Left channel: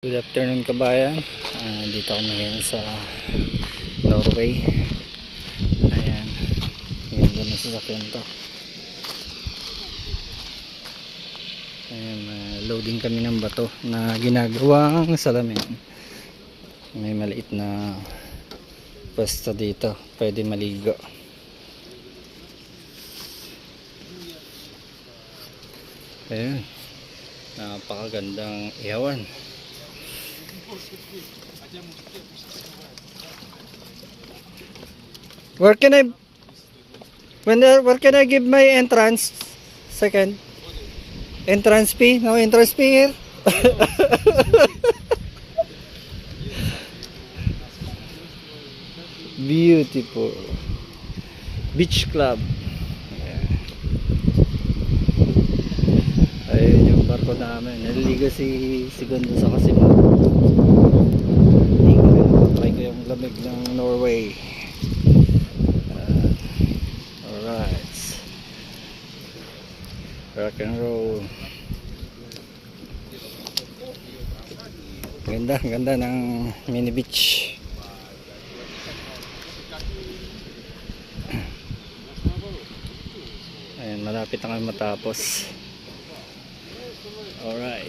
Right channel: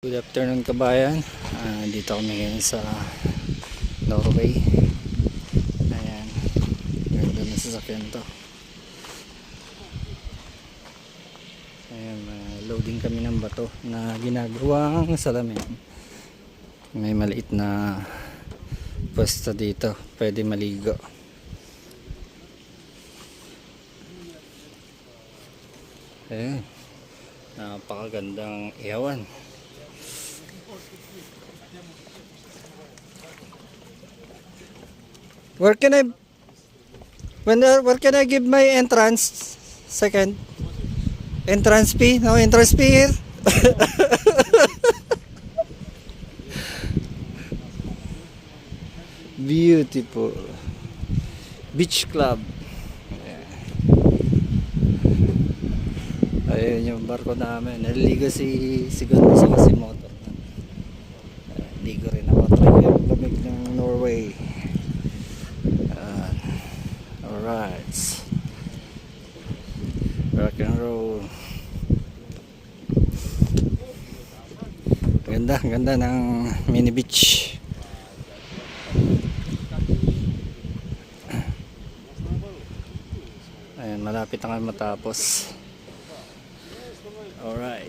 Good afternoon kabayan. Dito ako ngayon sa Norway. Ayan, ganda na sasakyan to. Ayan, loading kami ng bato na ginagawang salamin. May maliit na pwesto dito, pwede maligo. Ayan, napakagandang ihawan. Where can I give my entrance? Second entrance fee? No entrance fee here. Beautiful beach club. Ayun yung barko namin. Naliligo si Ganda sa kasino. Hindi ko rin napatry ko yung lamig ng Norway. Alright, rock and roll. Ganda ng mini beach. Ayan, malapit na kami matapos. Alright.